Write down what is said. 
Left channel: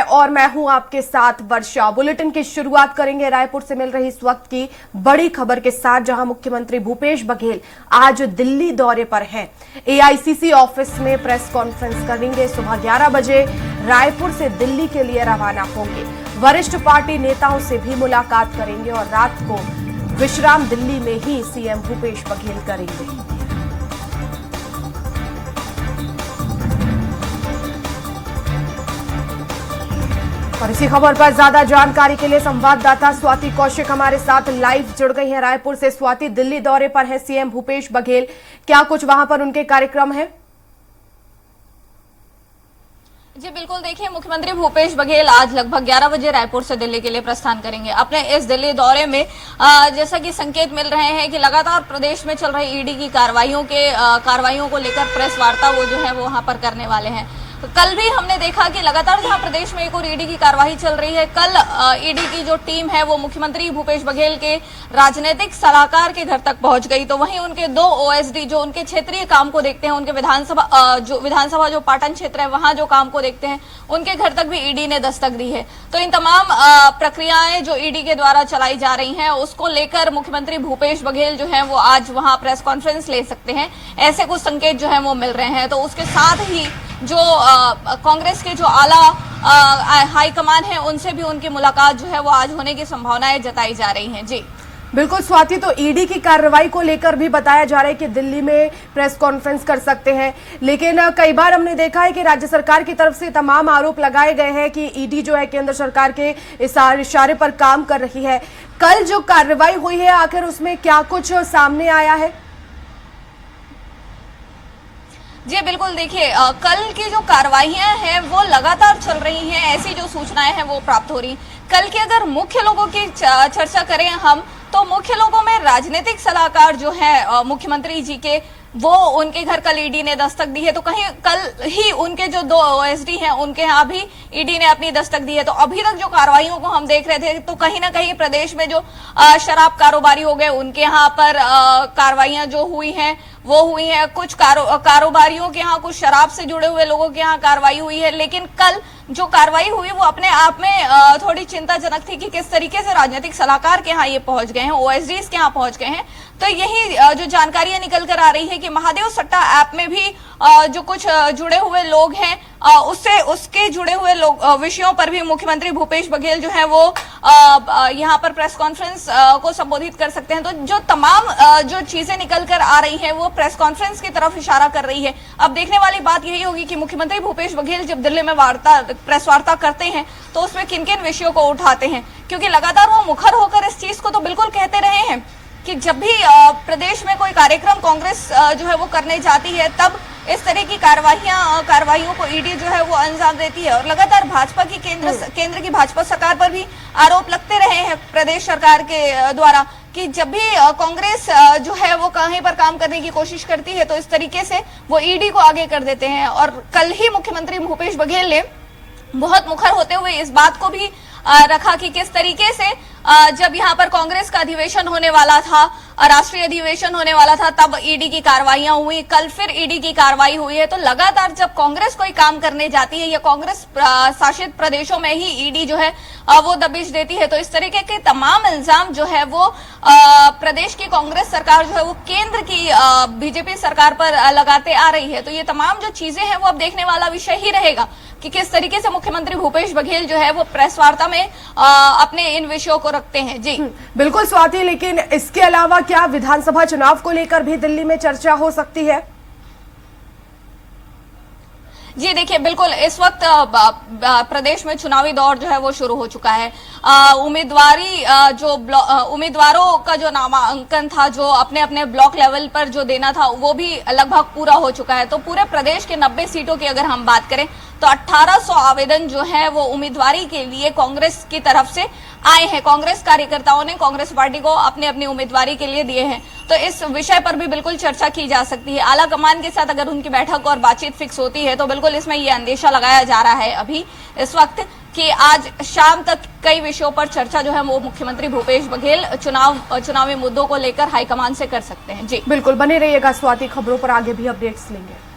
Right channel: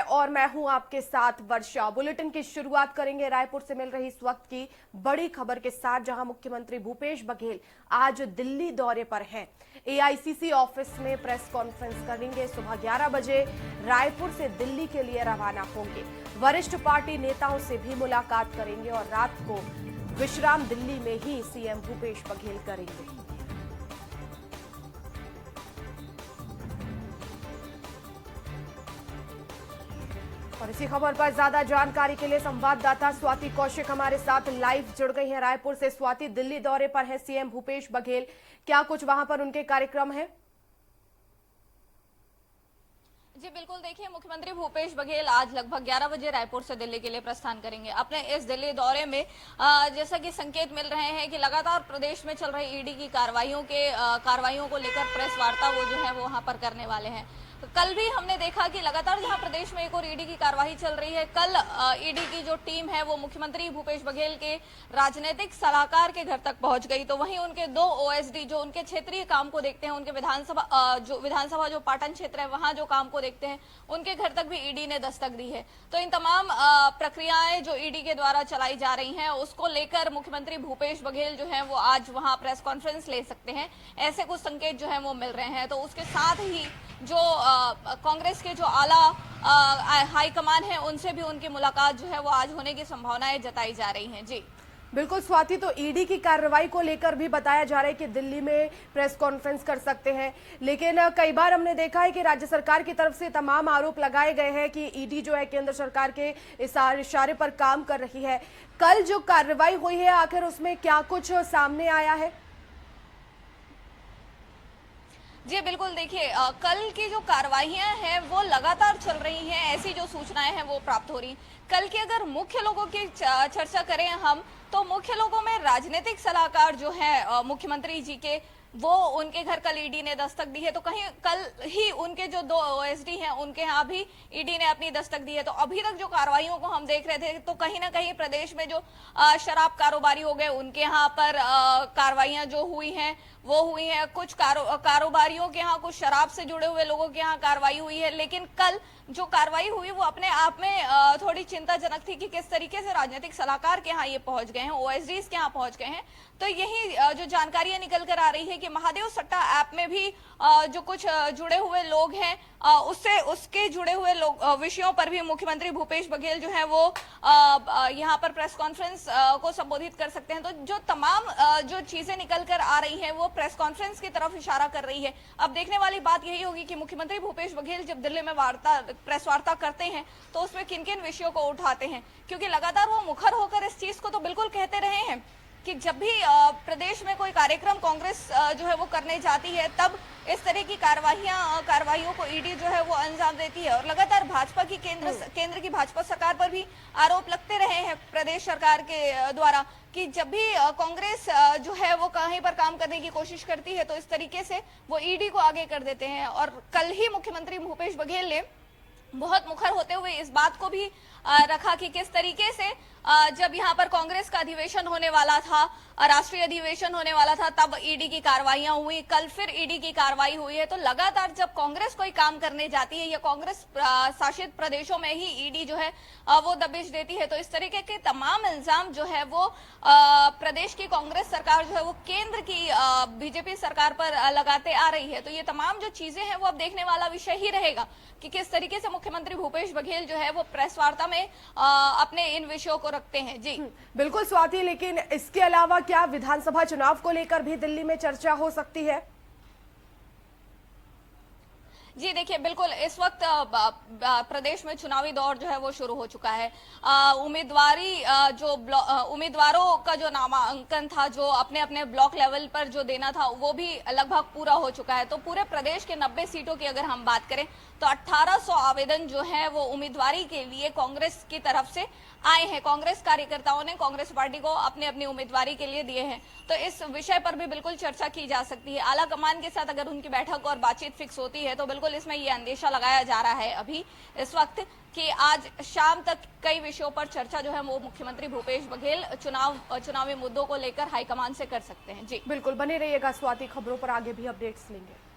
और मैं हूं आपके साथ वर्षा। बुलेटिन की शुरुआत करेंगे रायपुर से मिल रही इस वक्त की बड़ी खबर के साथ, जहां मुख्यमंत्री भूपेश बघेल आज दिल्ली दौरे पर हैं। एआईसीसी ऑफिस में प्रेस कॉन्फ्रेंस करेंगे। सुबह 11 बजे रायपुर से दिल्ली के लिए रवाना होंगे। वरिष्ठ पार्टी नेताओं से भी मुलाकात करेंगे और रात को विश्राम दिल्ली में ही सीएम भूपेश बघेल करेंगे। और इसी खबर पर ज्यादा जानकारी के लिए संवाददाता स्वाति कौशिक हमारे साथ लाइव जुड़ गई हैं रायपुर से। स्वाति, दिल्ली दौरे पर है सीएम भूपेश बघेल, क्या कुछ वहां पर उनके कार्यक्रम है? जी बिल्कुल, देखिए मुख्यमंत्री भूपेश बघेल आज लगभग 11 बजे रायपुर से दिल्ली के लिए प्रस्थान करेंगे। अपने इस दिल्ली दौरे में जैसा कि संकेत मिल रहे हैं कि लगातार प्रदेश में चल रही ईडी की कार्रवाइयों को लेकर प्रेस वार्ता वो जो है वो वहां पर करने वाले हैं। कल भी हमने देखा कि लगातार जहां प्रदेश में एक और ईडी की कार्रवाई चल रही है, कल ईडी की जो टीम है वो मुख्यमंत्री भूपेश बघेल के राजनीतिक सलाहकार के घर तक पहुंच गई। तो वहीं उनके 2 ओएसडी जो उनके क्षेत्रीय काम को देखते हैं, उनके विधानसभा जो पाटन क्षेत्र है वहां जो काम को देखते हैं, उनके घर तक भी ईडी ने दस्तक दी है। तो इन तमाम प्रक्रियाएं जो ईडी के द्वारा चलाई जा रही हैं, उसको लेकर मुख्यमंत्री भूपेश बघेल जो है वो आज वहां प्रेस कॉन्फ्रेंस ले सकते हैं, ऐसे कुछ संकेत जो है वो मिल रहे हैं। तो उसके साथ ही जो कांग्रेस के जो आला हाईकमान है, उनसे भी उनकी मुलाकात जो है वो आज होने की संभावनाएं जताई जा रही हैं। जी बिल्कुल स्वाति, तो ईडी की कार्रवाई को लेकर भी बताया जा रहा है कि दिल्ली में प्रेस कॉन्फ्रेंस कर सकते हैं, लेकिन कई बार हमने देखा है कि राज्य सरकार की तरफ से तमाम आरोप लगाए गए हैं कि ईडी जो है केंद्र सरकार के इशारे पर काम कर रही है। कल जो कार्रवाई हुई है, आखिर उसमें क्या कुछ सामने आया है? जी बिल्कुल, देखिए कल की जो कार्रवाइयां हैं वो लगातार चल रही हैं, ऐसी जो सूचनाएं हैं वो प्राप्त हो रही। कल की अगर मुख्य लोगों की चर्चा करें हम, तो मुख्य लोगों में राजनीतिक सलाहकार जो है मुख्यमंत्री जी के, वो उनके घर कल ईडी ने दस्तक दी है। तो कहीं कल ही उनके जो 2 ओएसडी हैं उनके यहाँ भी ईडी ने अपनी दस्तक दी है। तो अभी तक जो कार्रवाइयों को हम देख रहे थे, तो कहीं ना कहीं प्रदेश में जो शराब कारोबारी हो गए, उनके यहाँ पर कार्रवाइयां जो हुई हैं वो हुई है। कुछ कारोबारियों के यहाँ, कुछ शराब से जुड़े हुए लोगों के यहाँ कार्रवाई हुई है। लेकिन कल जो कार्रवाई हुई वो अपने आप में थोड़ी चिंताजनक थी कि किस तरीके से राजनीतिक सलाहकार के यहाँ ये पहुंच गए हैं, ओएसडीज के यहाँ पहुंच गए हैं। तो यही जो जानकारियां निकल कर आ रही है कि महादेव सट्टा ऐप में भी जो कुछ जुड़े हुए लोग हैं, उसके जुड़े हुए विषयों पर भी मुख्यमंत्री भूपेश बघेल जो है वो यहाँ पर प्रेस कॉन्फ्रेंस को संबोधित कर सकते हैं। तो जो तमाम जो चीजें निकल कर आ रही हैं वो प्रेस कॉन्फ्रेंस की तरफ इशारा कर रही है। अब देखने वाली बात यही होगी कि मुख्यमंत्री भूपेश बघेल जब दिल्ली में प्रेस वार्ता करते हैं तो उसमें किन किन विषयों को उठाते हैं, क्योंकि लगातार वो मुखर होकर इस चीज को तो बिल्कुल कहते रहे हैं कि जब भी प्रदेश में कोई कार्यक्रम कांग्रेस जो है वो करने जाती है, तब इस तरह की कार्रवाइयों को ईडी जो है वो अंजाम देती है। और लगातार भाजपा की केंद्र की भाजपा सरकार पर भी आरोप लगते रहे हैं प्रदेश सरकार के द्वारा कि जब भी कांग्रेस जो है वो कहीं पर काम करने की कोशिश करती है तो इस तरीके से वो ईडी को आगे कर देते हैं। और कल ही मुख्यमंत्री भूपेश बघेल ने बहुत मुखर होते हुए इस बात को भी रखा कि किस तरीके से जब यहाँ पर कांग्रेस का अधिवेशन होने वाला था, राष्ट्रीय अधिवेशन होने वाला था, तब ईडी की कार्रवाइयां हुई। कल फिर ईडी की कार्रवाई हुई है। तो लगातार जब कांग्रेस कोई काम करने जाती है या कांग्रेस शासित प्रदेशों में ही ईडी जो है वो दबिश देती है, तो इस तरीके के तमाम इल्जाम जो है वो प्रदेश की कांग्रेस सरकार जो है वो केंद्र की बीजेपी सरकार पर लगाते आ रही है। तो ये तमाम जो चीजें हैं वो अब देखने वाला विषय ही रहेगा कि किस तरीके से मुख्यमंत्री भूपेश बघेल जो है वो प्रेस वार्ता में अपने इन विषयों को रखते हैं। जी बिल्कुल स्वाति, लेकिन इसके अलावा क्या विधानसभा चुनाव को लेकर भी दिल्ली में चर्चा हो सकती है? जी देखिए, बिल्कुल इस वक्त प्रदेश में चुनावी दौर जो है वो शुरू हो चुका है। उम्मीदवारों का जो नामांकन था, जो अपने अपने ब्लॉक लेवल पर जो देना था, वो भी लगभग पूरा हो चुका है। तो पूरे प्रदेश के 90 सीटों की अगर हम बात करें तो 1800 आवेदन जो है वो उम्मीदवारी के लिए कांग्रेस की तरफ से आए हैं। कांग्रेस कार्यकर्ताओं ने कांग्रेस पार्टी को अपनी अपनी उम्मीदवारी के लिए दिए हैं। तो इस विषय पर भी बिल्कुल चर्चा की जा सकती है। आला कमान के साथ अगर उनकी बैठक और बातचीत फिक्स होती है तो बिल्कुल इसमें ये अंदेशा लगाया जा रहा है अभी इस वक्त कि आज शाम तक कई विषयों पर चर्चा जो है वो मुख्यमंत्री भूपेश बघेल चुनावी मुद्दों को लेकर हाईकमान से कर सकते हैं। जी बिल्कुल, बने रहिएगा स्वाति, खबरों पर आगे भी अपडेट्स लेंगे।